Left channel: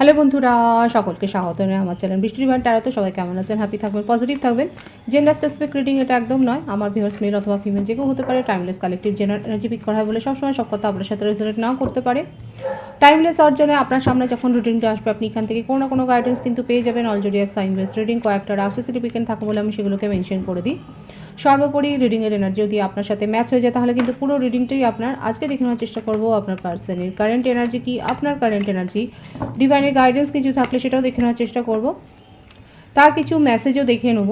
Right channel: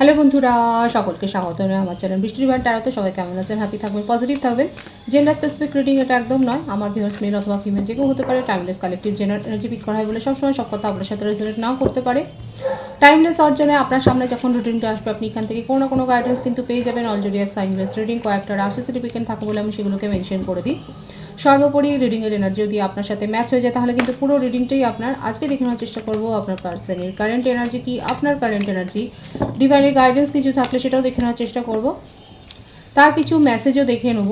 Hello বন্ধুরা, সকলকে স্বাগত জানাই আমার চ্যানেল বৃষ্টির ভান্ডার ট্যারোতে। সবাই কেমন আছেন? হ্যাপি থাকবেন, পজিটিভ থাকবেন। জেন্ডার স্পেসিফিক রিডিং এটা একদম নয়। আমার ভিউয়ার্স মেল অথবা ফিমেল যে কেউ হতে পারে। Timeless collective general energy pick করা হয় বলে সবসময় সব কথা আপনার সাথে রেজোনেট নাও করতে পারে। টাইমলেস অর্জনে আপনার সামনে যখন রিডিংটা আসবে, আপনি এখান থেকে কোনো না কোনো গাইডেন্স কিন্তু পেয়ে যাবেন। অলরেডি এক সাইনলেস রিডিং কয়েকটা রাশি সার্টিফিকেট থাকে বলে আমি সেগুলোকে মেনশন করে দিই। সর্বোপরি রিডিংয়ের এনার্জি যদি আপনার সাথে ম্যাচ হয়ে যায় তাহলে কিন্তু পুরো রিডিংটাই আপনার। আজকে দেখে নেওয়ার চেষ্টা করবো আপনার পার্সনের কারেন্ট এনার্জি কি, আপনার কারেন্ট এনার্জি, ডিভাইনের গাইডেন্স কিছু থাকলে সেটাও দেখে নেওয়ার চেষ্টা করব। তার কিছু মেসেজও দেখে নেব।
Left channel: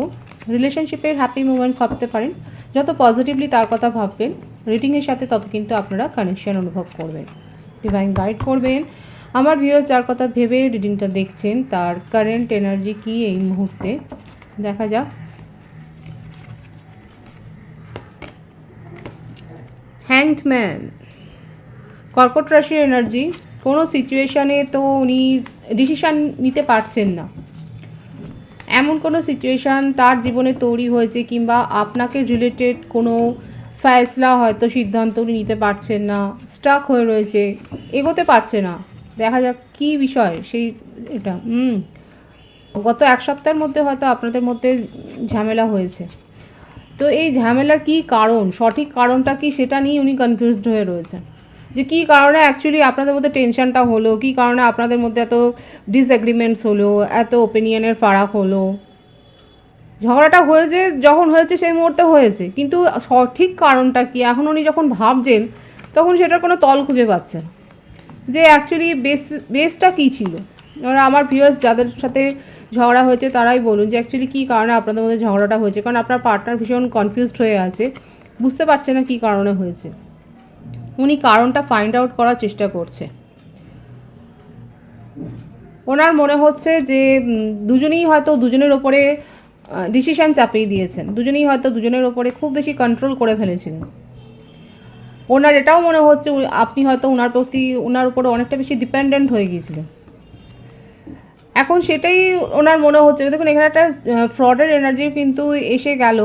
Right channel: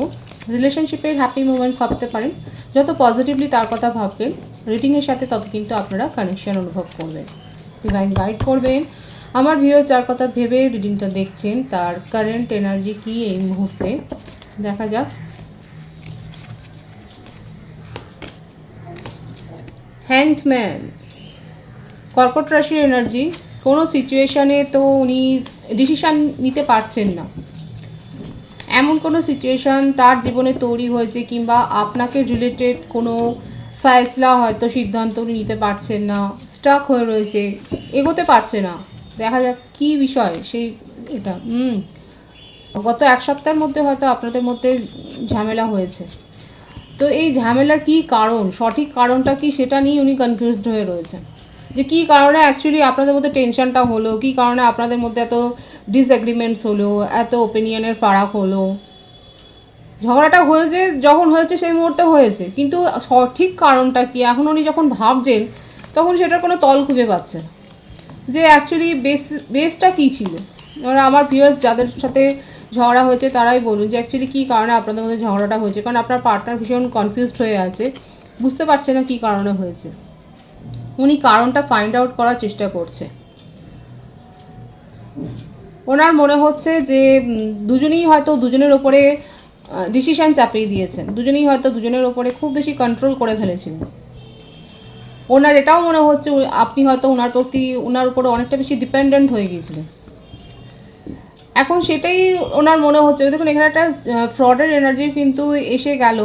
রিলেশনশিপের হ্যাপি মুভমেন্ট ভাবতে পারেন। যত পজিটিভলি তার কথা ভাববেন রিডিংয়ের সাথে, তত কিন্তু আপনারা কানেকশন অনুভব করবেন, ডিভাইন গাইড করবেন। আমার ভিউয়ার্স যার কথা ভেবে রিডিংটা দেখছেন তার কারেন্ট এনার্জি কি এই মুহূর্তে দেখা যাক। হ্যাংড ম্যান, কর্কট রাশির এনার্জি। কোনো সিচুয়েশানে তো উনি ডিসিশান নিতে পারছেন না, এমন কোনো সিচুয়েশান তার জীবনে তৈরি হয়েছে, কিংবা আপনাকে রিলেটেড কোনো ফয়সলা হয়তো সিদ্ধান্ত উনি নিতে পারছেন না, স্টাক হয়ে রয়েছে, এগোতে পারছে না। দেখা যাক কী বিষয় সেই এটা। গত এক সপ্তাহের মধ্যে হয়তো আপনাদের মধ্যে ঝামেলা হয়েছে। তো এই ঝামেলার কী কারণ, সঠিক কারণটা কি, সেটা নিয়ে উনি কনফিউজড হয়ে রয়েছেন যে কী কারণে অ্যাকচুয়ালি আপনাদের মধ্যে টেনশনটা হলো, কী কারণে আপনাদের মধ্যে এত ডিসএগ্রিমেন্টস হলো, এত ওপিনিয়নের ফারাক হলো। ঝগড়াটা হয়েছে যখন হয়েছে সেই মুহূর্তে হয়েছে, কিন্তু সঠিক কারণটা কি এখন উনি যখন ভাবছেন তখন সেটার কোনো তল খুঁজে পাচ্ছেন যে অ্যাকচুয়ালি বেসটা কী ছিল। এবার আমার ভিউয়ার্স যাদের সাথে ঝগড়া হয়েছে তারাই বলুন যে অ্যাকচুয়ালি কী কারণে আপনাদের মধ্যে ঝগড়াটা হয়েছে, কারণ আপনার পার্টনার ভীষণ কনফিউজড হয়ে আছে, বুঝতে পারছে না কী কারণে হয়েছে। উনি কারণটা ফাইন্ড আউট করার চেষ্টা করছে। ওনার মনে হচ্ছে যে দুজনেই হয়তো দুজনের ওপরে ডিসিশান চাপিয়ে দিয়েছেন, দুজনেই হয়তো দুজনের ওপরে খুব বেশি কন্ট্রোল করে ফেলেছিলেন। ওনার এটাও মনে হচ্ছে আপনি হয়তো ওনার উপরে অনেকটা বেশি ডিপেন্ডেন্ট হয়ে গিয়েছিলেন। এখন সেটাই ওনার মনে হচ্ছে। দেখুন এখানে একটা ফ্রডের এনার্জি কিন্তু এসে গেল।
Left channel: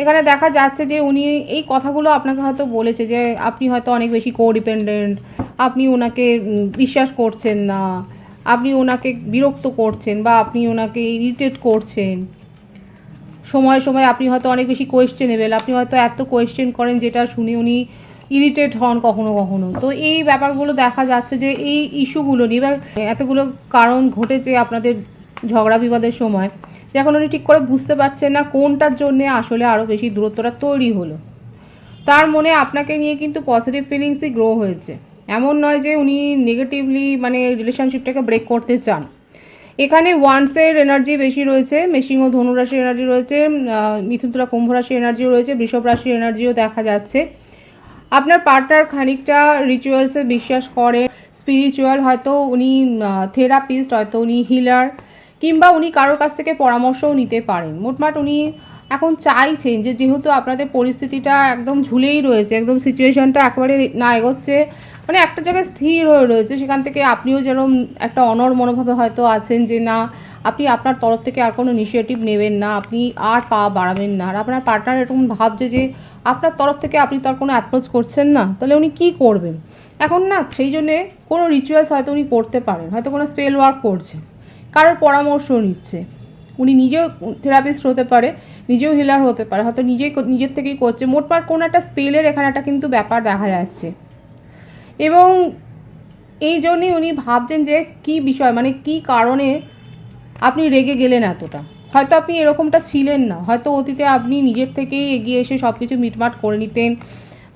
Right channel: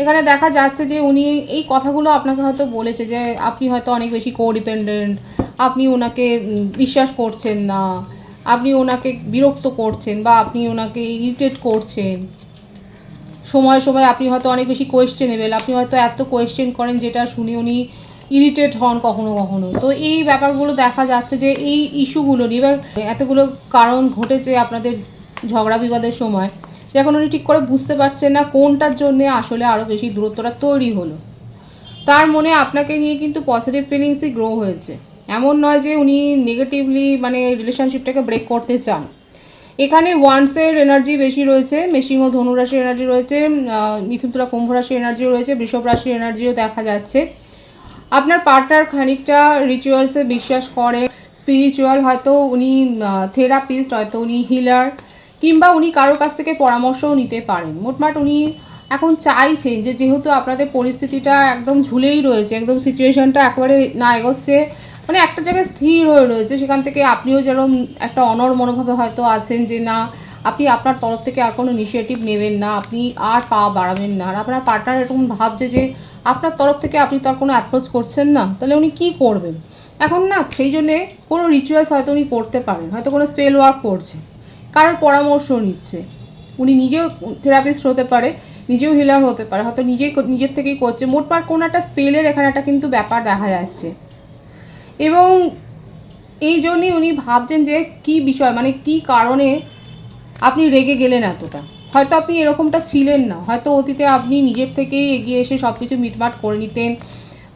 এখানে দেখা যাচ্ছে যে উনি এই কথাগুলো আপনাকে হয়তো বলেছে যে আপনি হয়তো অনেক বেশি কোডিপেন্ডেন্ট, আপনি ওনাকে বিশ্বাস করছেন না, আপনি ওনাকে বিরক্ত করছেন, বা আপনি ওনাকে ইরিটেট করছেন। সময় সময় আপনি হয়তো অনেক বেশি কোয়েশ্চেনেবেল, আপনি হয়তো এত কোয়েশ্চেন করেন যেটা শুনে উনি ইরিটেট হন কখনো কখনো। তো এই ব্যাপারগুলো দেখা যাচ্ছে যে এই ইস্যুগুলো নিয়ে এবার এতগুলো কারণ ঘটেছে আপনাদের ঝগড়া বিবাদের সময়, যখন উনি ঠিক করে বুঝতে পারছেন না কোনটার জন্যে আসলে আরও বেশি দূরত্বটা তৈরি হলো। তার মনে আপনাকে নিয়ে কিন্তু পজিটিভ ফিলিংসই গ্রো হয়েছে। এমন নয় যে উনি নেগেটিভলি রিলেশনশিপটাকে ব্রেক করতে চান। এখানে ওয়ান্সের এনার্জি বেশি রয়েছে, মেশিং ও ধনুরাশির এনার্জি রয়েছে, মিথুন তুলা কুম্ভ রাশির এনার্জিও রয়েছে, বৃষভ রাশির এনার্জিও দেখা যাচ্ছে। আপনার পার্টনার খানিকটা রিচুয়ালসে বিশ্বাস করে, স্পিরিচুয়াল, হয়তো উনি থেরাপিস্ট, হয়তো উনি হিলার, কিংবা উনি কারোর কাছ থেকে পরামর্শও নিতে পারেন। মোটমাট উনি এখন চাইছেন যে যেহেতু আপনাদের পরিস্থিতিটা একদম ঝুলেই রয়েছে, একদম সিচুয়েশনটা একেবারে না এগোচ্ছে, একটা জায়গায় স্থির হয়ে রয়েছে, সেখান থেকে আপনিও যেরকম একটা অনড় মনোভাবে হয়তো আছেন যে না, আপনি আপনার তরফ থেকে আর কোনো ইনিশিয়েটিভ নেবেন না, আপনি আর পা বাড়াবেন না। আর আপনার পার্টনার এরকম ভাবছে যে আপনার তরফ থেকে আপনি তো আর কোনো অ্যাপ্রোচ করছেন না, তাহলে উনি কী করবেন এখন না। সেই জন্যে কোনো রিচুয়ালস হয়তো উনি করতে পারেন, হয়তো কোনো স্পেল ওয়ার্ক করছে, কারোর পরামর্শ নিচ্ছে। উনি নিজেও থেরাপিস্ট হতে পারে, নিজেও হিলার হতে পারে, হয়তো নিজের থেকেই করছে। মোটমাট কোনো একটা স্পেলের এখানে একটা কিন্তু ব্যাপার দেখা যাচ্ছে। এবং এই জন্যই উনি ভাবছেন যে কী বিষয়, কী কারণে আপনি রেগে গেলেন এতটা। হয়তো আপনি এরকমটা ছিলেন না, হয়তো অতীতে আপনি নিজের থেকেই এগিয়ে এসে সব কিছু মিটমাট করে নিতেন,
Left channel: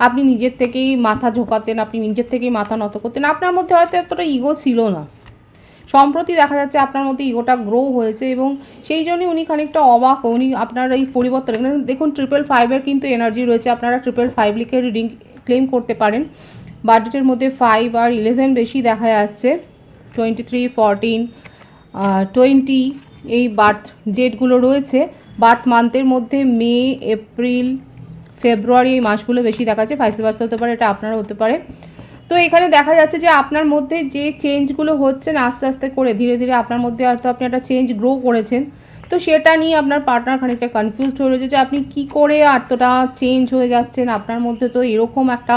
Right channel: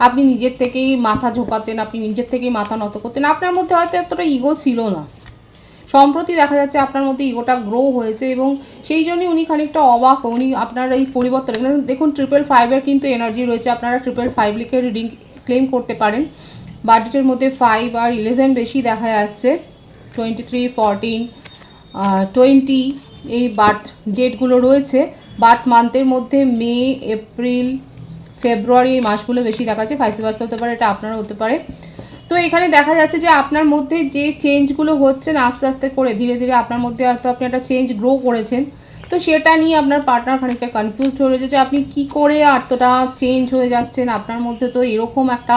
আপনি নিজের থেকেই মাথা ঝোঁকাতেন, আপনি নিজের থেকেই মাথা নত করতেন, আপনার মধ্যে হয়তো এতটা ইগো ছিল না। সম্প্রতি দেখা যাচ্ছে আপনার মধ্যে ইগোটা গ্রো হয়েছে, এবং সেই জন্যই উনি খানিকটা অবাক। উনি আপনার এই পরিবর্তন দেখুন, 555-এর কিন্তু এনার্জি রয়েছে। আপনারা 555 লিখে রিডিং ক্লেম করতে পারেন। বার্থডেটের মধ্যে 5 আর 11 বেশি দেখা যাচ্ছে। 23, 14, 20 এই বার্থ ডেটগুলো রয়েছে। বার্থ মান্থের মধ্যে মে, এপ্রিল, ফেব্রুয়ারি এই মাসগুলো বেশি দেখা যাচ্ছে। ভাইস ভার্সা হতে পারে, এটা আপনারও হতে পারে। তো এখানে দেখা যাচ্ছে যে আপনার মধ্যে যে চেঞ্জগুলো হচ্ছে না আস্তে আস্তে করে, ধীরে ধীরে আপনার মধ্যে হয়তো আপনি একটা চেঞ্জ গ্রো করেছেন। তো সেটা নিয়ে আপনার পার্টনার খানিকটা কনফিউজড হয়ে রয়েছে যে আপনি কী করে এতটা চেঞ্জ হয়ে যাচ্ছেন। আপনার মধ্যে তো এরকম একটা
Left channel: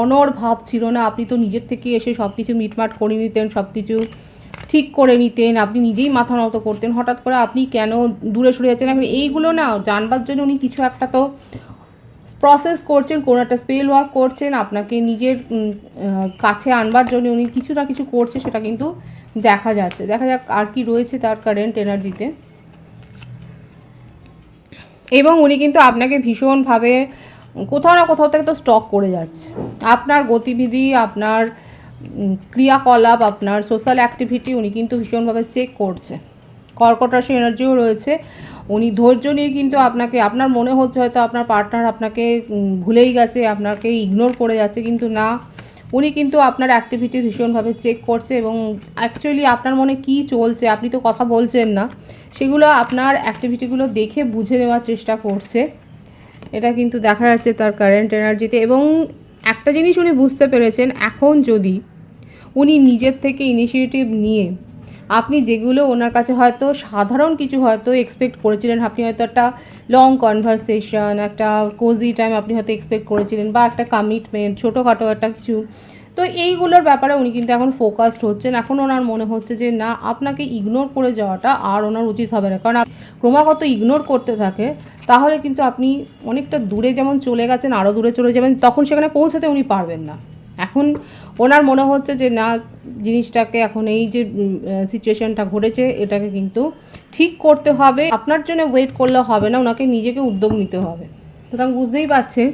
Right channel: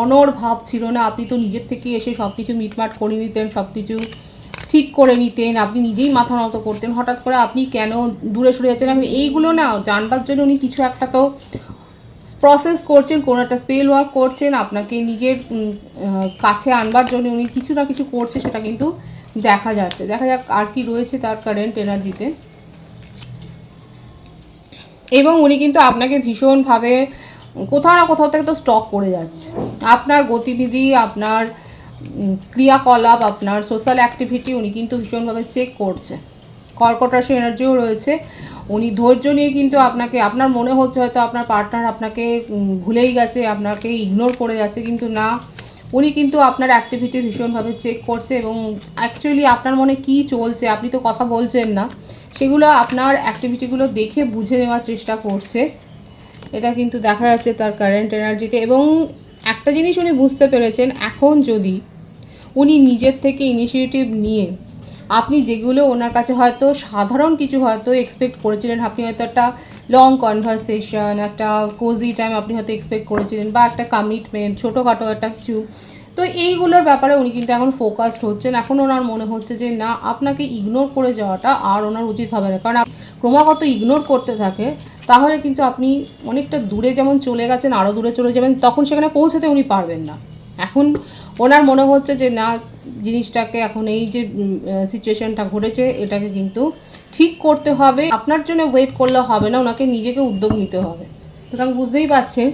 অনড় ভাব ছিল না, আপনি তো নিজের থেকে এসে সব কিছু মিটমাট করে নিতেন, সব কিছু ঠিক করে নিতেন, আপনি নিজেই মাথা নত করতেন, হঠাৎ করে আপনি কেন দূরে সরে যাচ্ছেন, আপনি এইগুলো না জানবার জন্য উনি কিছু একটা তো প্রসেস করছেন, কোনো একটা স্পেল ওয়ার্ক করছেন, আপনাকে নিজের কাছে আনবার জন্য উনি কিছু না কিছু করছে, সেটা কিন্তু দেখা যাচ্ছে। দেখা যাক আর কি রয়েছে তার কারেন্ট এনার্জিতে। এবং উনি কিন্তু আপনাকে ভীষণভাবে কোথাও না কোথাও থেকে তো স্টক করে যাচ্ছে। আপনার গতিবিধি, আপনার ক্রিয়াকলাপ, আপনার সোশ্যাল অ্যাক্টিভিটি উনি কিন্তু ভীষণভাবে চেক করছে। কর্কট রাশি এনার্জিও রয়েছে। উনি ধৈর্য নিয়ে কিন্তু আপনাকে, আপনার মনে হচ্ছে হয়তো আপনার পার্টনার আপনাকে ভুলেই গেছে, আপনাকে ইগনোর করে যাচ্ছে, কিন্তু না, উনি কিন্তু আপনার অ্যাক্টিভিটি ভীষণভাবে চেক করছে এবং অ্যাকচুয়ালি আপনার মনে কী চলছে, আপনি তো কথা বলছেন না, সেগুলো আপনার অ্যাক্টিভিটিগুলো দেখে বুঝে নেওয়ার চেষ্টা করছে। এটা কিন্তু দেখা যাচ্ছে তার কারেন্ট এনার্জিতে। এবং একটা জিনিস উনি বুঝতে পেরেছেন, এখন যদি উনি নিজের থেকে ইনিশিয়েটিভ নিয়ে, আপনি যেগুলো ওনার কাছে হয়তো সাধারণ কিছু হয়তো এক্সপেক্ট করেছিলেন, আপনি হয়তো একটা লং কনভারসেশন, একটা কোজি টাইম আপনি হয়তো এক্সপেক্ট করেছিলেন, বা একটা কমিটমেন্ট, ছোটোখাটো একটা কিছু, তো এইগুলোর ব্যাপারে উনি কিন্তু এখন ফোকাসড হচ্ছেন। এখন ওনার মনে হচ্ছে যে না, আপনাকে ইগনোর করে যাওয়াটা আর ওনার উচিত হবে না, কারণ ক্রমাগত ইগনোর করতে থাকে তাহলে কিন্তু আপনি অনেকটা দূরে যেমন চলে গেছেন, আরও দূরে চলে যাবেন, তখন সেখানে পৌঁছাতে উনি পারবেন না। এখন ওনার মনে হচ্ছে যে না, জিনিসটাকে এখন এই যে সিচুয়েশনটা ঘটেছে এটাকে কিন্তু ঠিক করতে হবে, আপনার জন্য ওয়েট করলে হবে না, ওনাকে নিজেকে উদ্যোগ নিতে হবে। সুতরাং বুঝতেই পারছেন,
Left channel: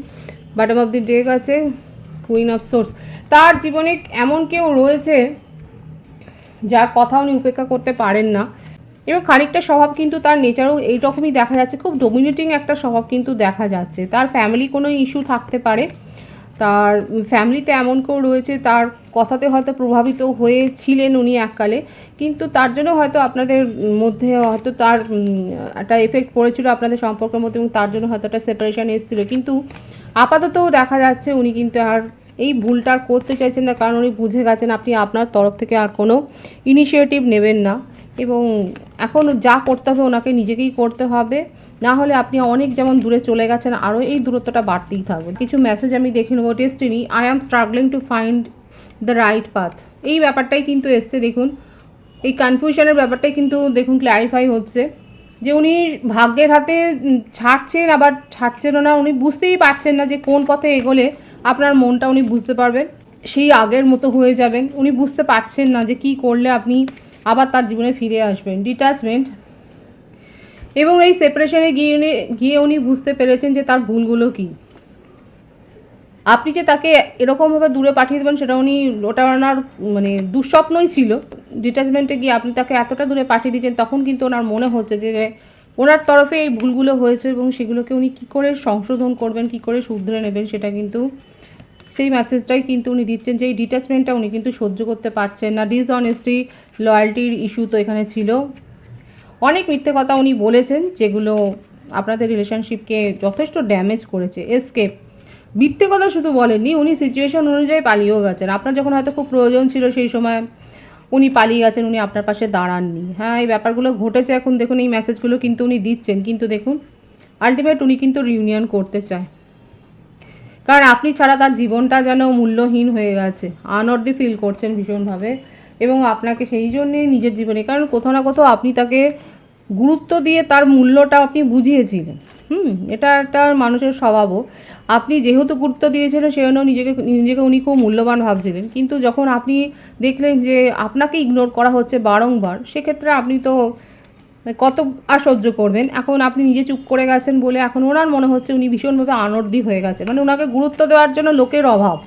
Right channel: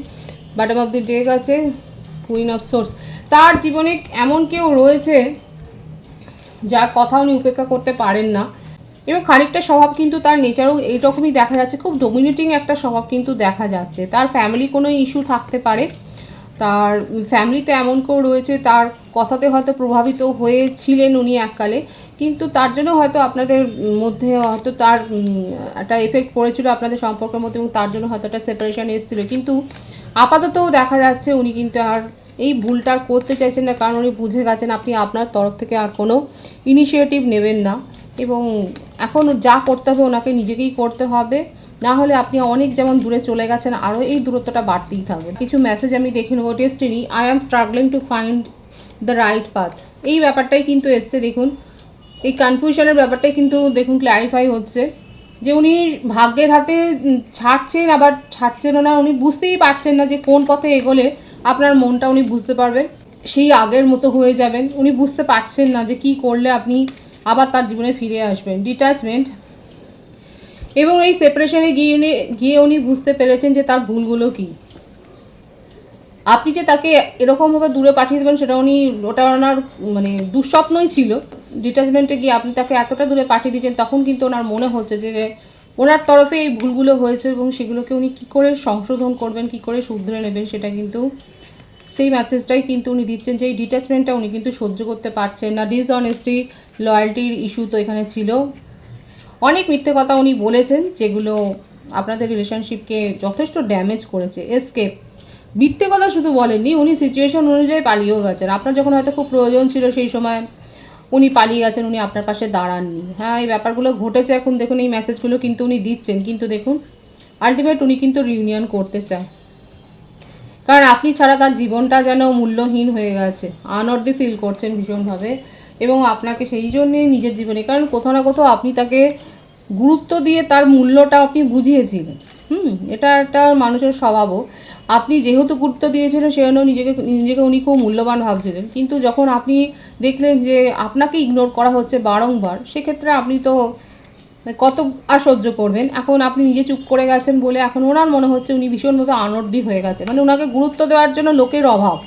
বটম অফ দি ডেক আছে কুইন অফ সোর্স। তার জীবনে এমন কেউ রয়েছে যার কথা উনি উপেক্ষা করতে পারেন না, এবং খানিকটা স্বভাব কিন্তু তার নেচারও এইরকমই দেখা যাচ্ছে, খুব ডমিনেটিং একটা স্বভাব কিন্তু দেখা যাচ্ছে। তার ফ্যামিলি কোনো ইস্যু থাকতে পারে, তার ফ্যামিলিতে এমন কেউ রয়েছে, তার কথাতে হয়তো প্রভাবিত হয়েছিলেন উনি এককালে, কিন্তু তার জন্য হয়তো আপনাদের মধ্যে হয়তো তার একটা এফেক্ট পড়েছিল আপনাদের সম্পর্কের মধ্যে, এবং তার জন্য হয়তো একটা সেপারেশন এসেছিল। কিন্তু আপাতত দেখা যাচ্ছে উনি কিন্তু আর এই ভুলটা আর করতে চাইছেন না, কারণ উনি বুঝে গেছেন আপনি আপনার তরফ থেকে আর কোনো ইনিশিয়েটিভ নেবেন না, এবং এখন যা করতে হবে ওনাকে নিজেকেই করতে হবে, না হলে আপনি অনেক যেমন দূরে চলে গেছেন, আরও এই দূরত্বটা বাড়তেই থাকবে। কিছু মেসেজ আমি দেখে নেবো। Destiny, I am struggling to find the right path, এই ব্যাপারটাই কিন্তু এসছে। দেখুন এই কনফিউশনের ব্যাপারটাই কিন্তু দেখুন ক্ল্যারিফাই হচ্ছে, যে উনি ভাগ্যের হাতে ছাড়ছেন, আবার ছাড়ছেন না, উনি বুঝতেই পারছেন না যে কোন পথে এগোলে আপনার মনটা উনি বুঝতে পারবেন, সেই আগের মতো হয়ে যাবেন। উনি বুঝতে পারছেন না যে কি করলে আপনি আবার তার জীবনে ফিরে আসবেন। ডিট্যাচমেন্ট, এবং এই সেপারেশনে গিয়ে উনি বুঝতে পেরেছেন যে তার ভুলগুলো কী। আপনি যে তাকে এরকমভাবে দূরে পাঠিয়ে দেবেন সেটা উনি, ওটা ওনার মানে দুঃস্বপ্নই ছিল। ডিট্যাচমেন্টে গিয়ে আপনি তাকে এতটা দূরে পাঠিয়ে দিয়েছেন, তখন কিন্তু ওনার মনে হচ্ছে যে ওনার তরফে এই ভুলগুলো হয়েছে, এবং সেগুলোকে উনি কী করে সংশোধন করবেন, কী করে শুধরে নেবেন, সেটা কিন্তু সেই মেসেজটাই কিন্তু উনি দিচ্ছেন, যে এই ডিট্যাচমেন্টটা উনি কিন্তু সহ্য করতে পারছেন না। ডিসঅনেস্টি, লয়্যালটির ইস্যু তো এখানে ছিল, অনেক মিথ্যে কথা উনি বলেছেন যেগুলো আপনাদের রিলেশনশিপকে যথেষ্ট ড্যামেজ করেছে। এসকেপ, মিথ্যে কথা শুধু বলেননি, উনি সিচুয়েশন অনুযায়ী পালিয়েও গেছেন। আপনার যখন হয়তো খুব প্রয়োজন ছিল সেই সময় উনি পালিয়ে গেছেন, উনি আপনার পাশে দাঁড়াননি। হ্যাঁ, এই ব্যাপারগুলো ঘটেছে। এখন দেখুন এই মেসেজগুলো কিন্তু উনি দিচ্ছেন, কিন্তু দেখুন আলটিমেট উনি কিন্তু রিউনিয়ন করতে চায়, কারণ আপনি ছাড়া তার জীবনটা যেন মূল্যহীন হয়ে গেছে, আনঅর্দি ফিল করছেন ভীষণভাবে, এবং আপনাকে সেই জন্যে নিজের জীবনে, কারণ কোথাও না কোথাও আপনি তাকে গুরুত্ব দিয়ে তার মূল্যটা আপনি বুঝিয়েছিলেন। এটা একটা মানুষের স্বভাবও, আপনি যেহেতু গুরুত্ব দিয়েছিলেন সেজন্য নিজেকে উনি খুব মূল্যবান ভাবছিলেন, কিন্তু যখন আপনি দেখলেন যে আপনাকে ইগনোর করা হচ্ছে বারংবার, সেক্ষেত্রে আপনি তো কত আর সহ্য করবেন। এখন আপনি নিজে চুপ করে গেছেন বলে এখন ওনার মনে হচ্ছে উনি ভীষণভাবে আনর্দি হয়ে গেছে, মানে ওনাকে গুরুত্ব দেওয়ার জন্য লোকের অভাব,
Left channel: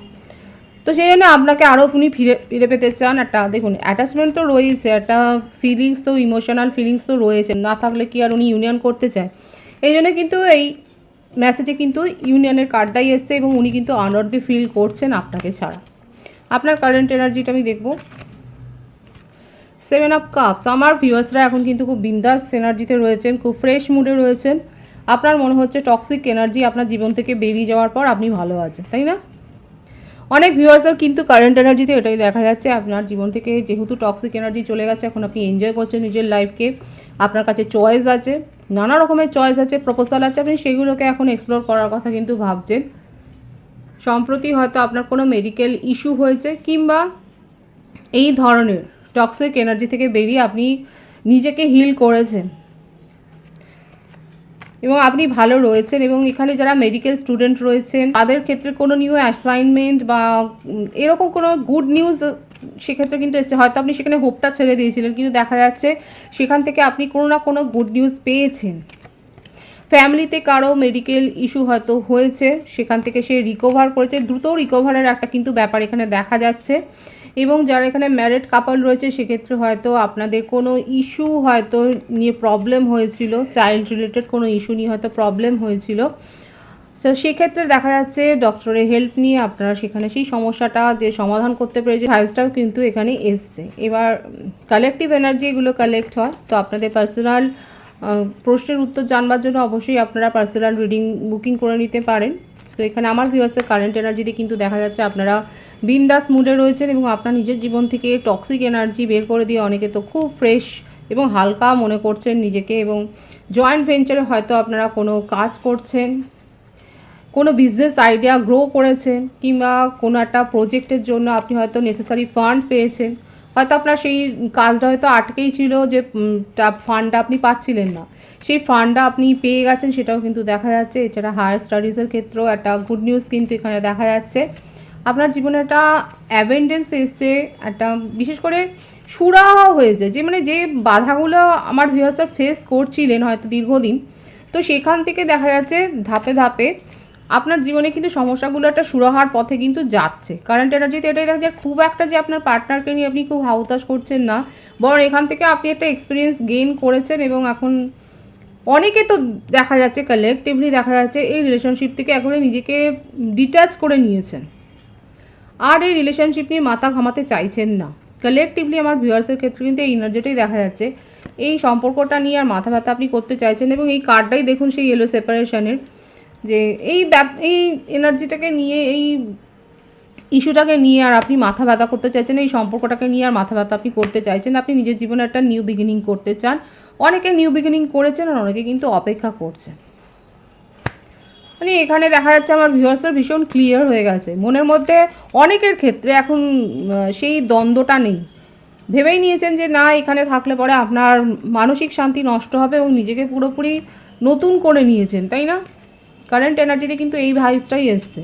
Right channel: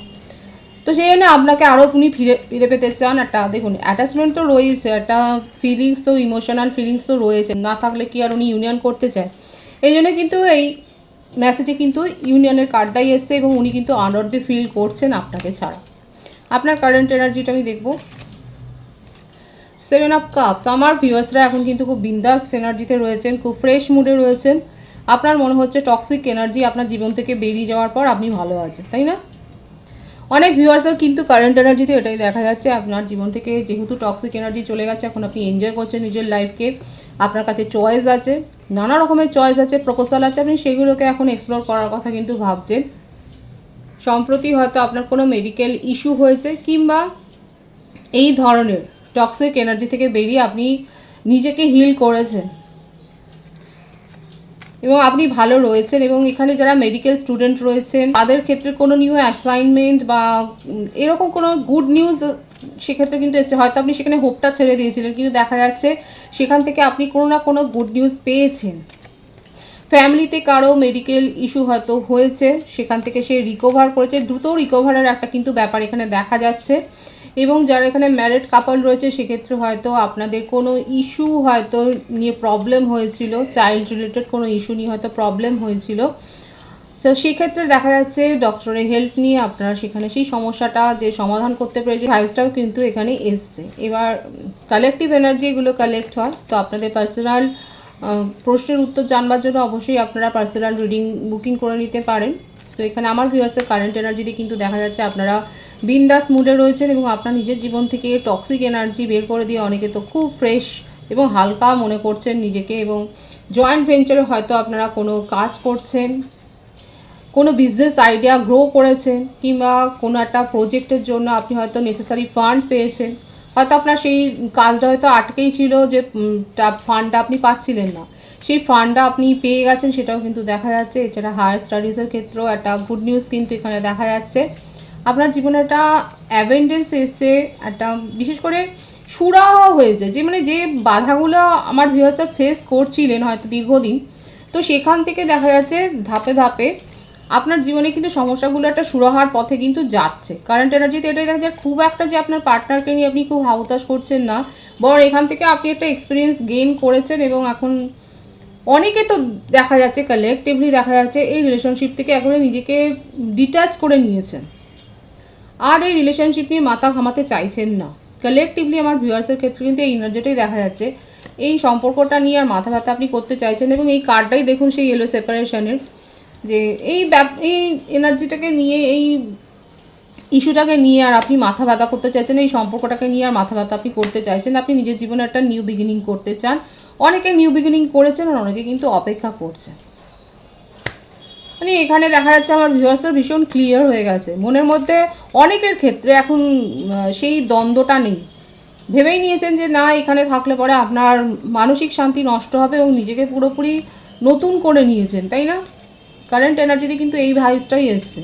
তো সেই জন্য আপনাকে আরও উনি ফিরে পেতে চান। একটা দেখুন অ্যাটাচমেন্ট তো রয়েছে, একটা ফিলিংস তো, ইমোশনাল ফিলিংস তো রয়েছে, না থাকলে কি আর উনি ইউনিয়ন করতে চায়। এই জন্য কিন্তু এই মেসেজে কিন্তু ইউনিয়নের কার্ডটাই এসছে, এবং উনি কিন্তু আনঅর্দি ফিল করছেন আপনাকে ছাড়া। আপনার কারেন্ট এনার্জিটা আমি দেখব। 7 অফ কাপস, আমার ভিউয়ার্সরা এখন কিন্তু খুব বিন্দাস এনার্জিতে রয়েছেন, খুব ফ্রেশ মুডে রয়েছেন। আপনার মনে হচ্ছে টক্সিক এনার্জি আপনার জীবন থেকে বেরিয়ে যাওয়ার পর আপনি ভালো আছেন, তাই না? অনেক ভিউয়ার্সের কিন্তু কারেন্ট এনার্জিতে এটাই দেখা যাচ্ছে, আপনার জীবন থেকে যেহেতু টক্সিক এনার্জি চলে গেছে, এখন আপনি এনজয় করছেন নিজের লাইফকে, আপনার কাছে চয়েস আছে, নানা রকমের চয়েস আছে, প্রপোজাল আছে, আপনি সেগুলোকে এখন এক্সপ্লোর করার কথা কিন্তু ভাবছেন। সম্প্রতি হয়তো আপনার কোনো মেডিকেল ইস্যু হয়েছে, কিংবা এই ধরনের টক্সিক এনার্জি থেকে বেরিয়ে আপনি নিজেকে হিল করেছেন এবং আপনি ভালো রয়েছেন। এবং এখানে যারা মেডিকেল স্টুডেন্ট রয়েছেন তাদের ক্ষেত্রে কোনো নিউ অ্যাসাইনমেন্ট বা এরকম কোনো গুড নিউজ সেক্ষেত্রে কিন্তু এসছে। হয়তো আপনি সেখানে হোপটা ছেড়ে দিয়েছিলেন, কিন্তু দেখা যাচ্ছে সেখান থেকে আপনি কোনো না কোনো গুড নিউজ পেয়েছেন। ফ্যামিলিতে কারো মেডিকেল ইস্যু হয়তো হয়েছে, সেখান থেকে সে রিকভার করেছে, দ্রুত রিকভারের একটা কিন্তু ব্যাপার এখানে দেখা যাচ্ছে। এবং যারা এখানে ম্যারিড কাপল রয়েছে সেক্ষেত্রে হয়তো আপনাদের কোনো ইস্যু হয়তো নিয়ে প্রবলেম হয়েছিল, চাইল্ড রিলেটেড কোনো ইস্যু নিয়ে হয়তো প্রবলেম হয়েছিল। সো সেক্ষেত্রে দেখা যাচ্ছে ডক্টরের হেল্প নিয়ে আপনারা সেখানে সেই সমস্যাটা যে সমাধান করতে পেরেছে, ভাইবসটাও কিন্তু এখানে এসছে। এবার কালেকটিভ এনার্জি এগুলো কালেক্ট হয়। তো আপনাদের পার্সোনাল প্রশ্নের উত্তর জানবার জন্য অবশ্যই আপনারা পার্সোনাল রিডিং বুকিং করে নিতে পারেন। তো এখানে আমার ভিউয়ার্সের কারেন্ট এনার্জিতে কিন্তু দেখা যাচ্ছে আপনারা বিন্দাস মুডে রয়েছেন এবং আপনার নিজের জীবন থেকে টক্সিক এনার্জি বের করে দিয়ে অনেকে তো খুব ফ্রেশ এবং হালকা মনে করছেন নিজেকে। এবং জয়েন্ট ভেঞ্চারে হয়তো আপনারা কোনো কাজ করছেন, কোনো বিজনেস আইডিয়া গ্রো করেছেন, কিংবা কোনো একটা প্রজেক্টের জন্য আপনি হয়তো নেসেসারি ফান্ড পেয়েছেন। হয়তো আপনার সেই কাজটা হয়তো আটকেই ছিল, যে ফান্ডটা আপনি পাচ্ছিলেন না, সেই ফান্ডটা আপনি পেয়ে গেছেন, সেটাও কিন্তু দেখা যাচ্ছে। এছাড়া হায়ার স্টাডিজের ক্ষেত্রেও একটা গুড নিউজ কিন্তু এখানে দেখা যাচ্ছে। আপনার জীবনে একটা অ্যাবেন্ডেন্স এসছে, একটা বিশেষ করে সুরাহা হয়েছে, যে মানে যে বাধাগুলো আমার ভিউয়ার্সরা ফেস করছিলেন হয়তো দীর্ঘদিন, তো সেখান থেকে দেখা যাচ্ছে ধাপে ধাপে আপনার জীবনে কিন্তু সমস্যাগুলো একটা সুরাহার পথে কিন্তু যাচ্ছে। কারেন্ট এনার্জিতে এটাই দেখা যায়, খুব একটা যে আপনার পার্টনারকে নিয়ে আপনি খুব হাউতাশ করছেন না, বরং এখান থেকে আপনি একটা এক্সপিরিয়েন্স গেইন করেছেন। এবং এখন অনেকে তো দেখা যাচ্ছে কালেকটিভলি দেখা যাচ্ছে এই রিলেশনশিপ থেকে এখন নিজেকে ডিট্যাচ করে নিয়েছেন, আর এই রিলেশনশিপ নিয়ে মাথা ঘামাতে চাইছেন না। কালেকটিভলি আমার ভিউয়ার্সের ক্ষেত্রে কিন্তু এই এনার্জিটাই দেখা যাচ্ছে, এই সম্পর্কটা নিয়ে আর মাথা ব্যথা আপনি করতে চাইছেন। এবং এই কার্ডটাই দেখুন সেই ইয়েলো সেপারেশনের, যে এই এনার্জিটাকে নিয়ে, এই ইস্যুটাকে নিয়ে আর আপনি মাথা ব্যথা করতে চাইছেন, এই সম্পর্কটাকে নিয়ে আর মাথা ব্যথা আপনি করতে চাইছেন। আপনি নিজের জীবনে একটা নিউ বিগিনিং করতে চান। অনেকে নিউ বিগিনিং করেছেন আর অনেকে কিন্তু অপেক্ষা করছেন। মানে এখানে দেখা যাচ্ছে আমার ভিউয়ার্সরা ভীষণ ক্লিয়ার হয়ে গেছে মনের মধ্যে। অনেকের ক্ষেত্রে এখন সেই দ্বন্দ্বটা নেই, ভেবেই নিয়েছেন যে না, এখানে থাকলে পরে আপনার মানসিক শান্তি নষ্ট হবে, এবং নিজেকে পুরোপুরি নতুন করে নিয়েছেন, তাই না? কারেন্ট এনার্জিতে কিন্তু এই ভাইবসটাই এসছে।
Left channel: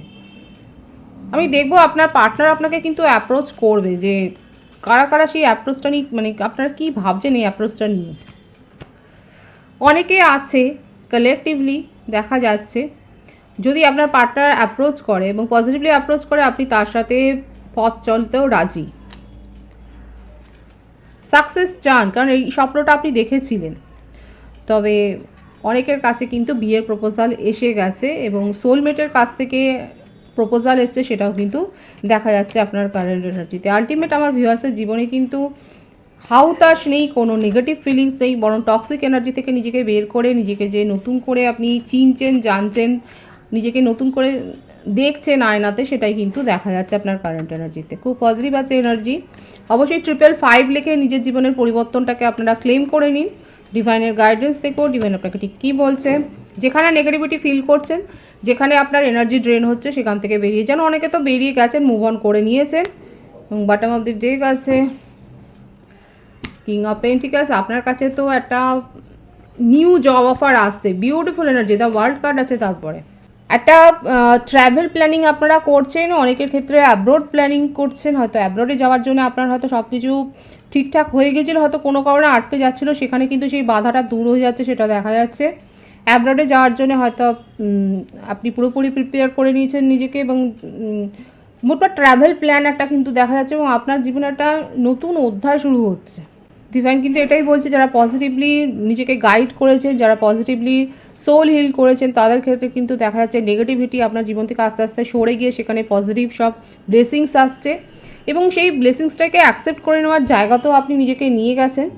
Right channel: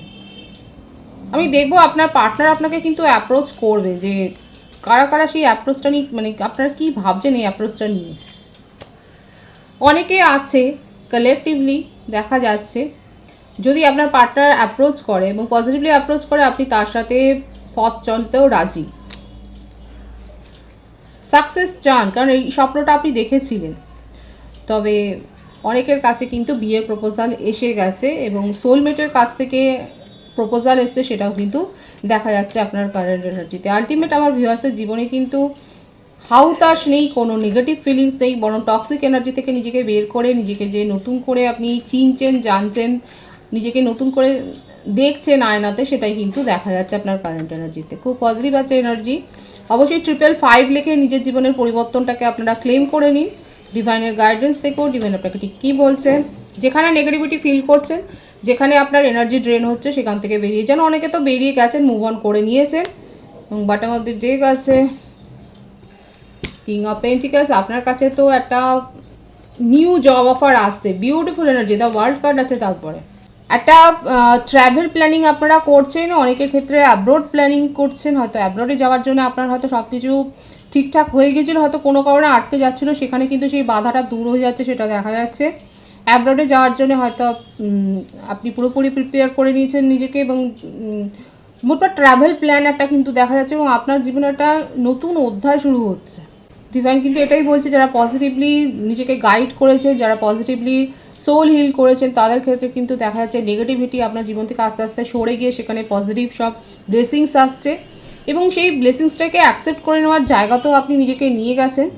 আমি দেখবো আপনার পার্টনার আপনাকে কিন্তু অ্যাপ্রোচ করবে, যে কারা কারা সেই অ্যাপ্রোচটা নিয়ে, মানে আপনারা কী ভাবছেন এই অ্যাপ্রোচটা নিয়ে। অনেকে আছে কালেকটিভলি দেখা যাচ্ছে, যদি আপনার পার্টনার অ্যাপ্রোচ করে এবং পজিটিভলি অ্যাপ্রোচ করে, আপনি তার সাথে পথ চলতেও রাজি, সাকসেস চান, কারণ এই স্বপ্নটা আপনি দেখেছিলেন। তবে অনেকের কাছে কিন্তু বিয়ের প্রপোজাল এসে গেছে এবং সোলমেটের কাছ থেকে প্রপোজাল এসছে, সেটাও কিন্তু দেখা যাচ্ছে আপনার কারেন্ট এনার্জিতে। আলটিমেট আমার ভিউয়ার্সের জীবনে কিন্তু হাউতাশ নেই, কোনো নেগেটিভ ফিলিংস নেই, বরং টক্সিক এনার্জি থেকে নিজেকে বের করে নিজেকে যে নতুন করে আপনি চিনছেন, জানছেন, নিজেকে নতুন করে দেখছেন আয়নাতে, সেটাই কিন্তু দেখা যাচ্ছে আপনার কারেন্ট এনার্জিতে। খুব পজিটিভ আছে এনার্জি। অবশ্যই 555 লিখে নিজের জীবনের পরিবর্তনটাকে আপনারা ক্লেম করে নিন। ডিভাইনের গাইডেন্স দেখো, ডিভাইন আপনাকে ঠিক কী বলছে। যেখানে নেগেটিভিটি ফিল করছেন, যেখানে আপনার এনার্জি ড্রেন হচ্ছে, সেখান থেকে বেরিয়ে যান। অনেকে তো বেরিয়ে গেছেন, মুভ অন করে নিয়েছেন। এবং বটম অফ দি ডেক আছে কিং অফ পেন্টিকালস। আপনার কাছে তো একটা নিউ জব অফার আসছে, beautiful energy. The world card আছে, তারপরে একটা ট্রাভেল প্ল্যানিং আপনারা করছেন। অনেকের ক্ষেত্রে অ্যাব্রোড প্ল্যানিং করছেন, হয়তো অ্যাব্রোডে যাওয়ার জন্য আপনার হয়তো সব কিছু ঠিকঠাক হয়ে গেছিলো, হয়তো কোনো কারণে আটকে যাচ্ছিলো, সেখানে কিন্তু সেই বাধাটা দূর হয়ে যাচ্ছে, সেটা দেখা যাচ্ছে। অ্যাব্রোডে যাওয়ার জন্য হয়তো আপনি পুরোপুরি প্রিপেয়ার করে নিয়েছেন নিজেকে, এবং মোটটা ট্রাভেল প্ল্যান একটা কিন্তু দেখা যাচ্ছে, এবং আপনার জীবনে একটা নতুন অধ্যায় শুরু হচ্ছে। ডিভাইন কিন্তু এটাই বলছে, যারা পজিটিভলি নিজেকে গাইড করেছেন, যারা পজিটিভলি সোল হিল করেছেন, তাদের ক্ষেত্রে কিন্তু দেখা যাচ্ছে নেগেটিভিটি আপনার জীবন থেকে আস্তে আস্তে সরে গিয়ে সেখানে পজিটিভ সব ব্লেসিংস আসছে, এবং সেই ব্লেসিংসটাকে অ্যাকসেপ্ট করে নেওয়ার জায়গাতেও আপনি নিজেকে নিয়ে গেছেন।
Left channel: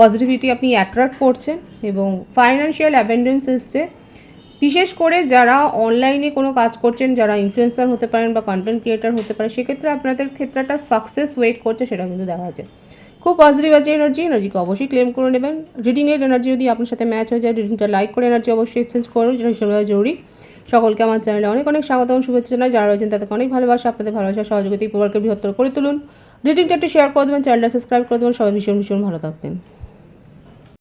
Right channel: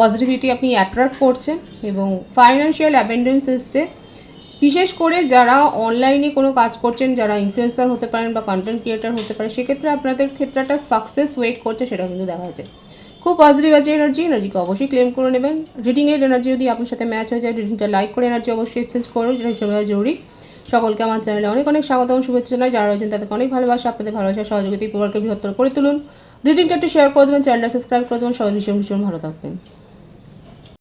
পজিটিভিটি আপনি অ্যাট্রাক্ট করছেন, এবং ফাইন্যান্সিয়াল অ্যাবেন্ডেন্স এসছে। বিশেষ করে যারা অনলাইনে কোনো কাজ করছেন, যারা ইনফ্লুয়েন্সার হতে পারেন বা কন্টেন্ট ক্রিয়েটার হতে পারে, সেক্ষেত্রে আপনাদের ক্ষেত্রে একটা সাকসেস ওয়েট করছে, সেটা কিন্তু দেখা যাচ্ছে। খুব পজিটিভ আছে এনার্জিকে অবশ্যই ক্লেম করে নেবেন। রিডিংয়ের এনার্জি যদি আপনার সাথে ম্যাচ হয়ে যায়, রিডিংটা লাইক করে এনার্জি অবশ্যই এক্সচেঞ্জ করুন, যেটা ভীষণভাবে জরুরি। সকলকে আমার চ্যানেলে অনেক অনেক স্বাগত এবং শুভেচ্ছা জানাই। যারা রয়েছেন তাদেরকে অনেক ভালোবাসা, আপনাদের ভালোবাসা সহযোগিতা পরিবারকে বৃহত্তর করে তুলুন। রিডিংটা একটু শেয়ার করে দেবেন, চ্যানেলটা সাবস্ক্রাইব করে দেবেন। সবাই ভীষণ ভীষণ ভালো থাকবেন।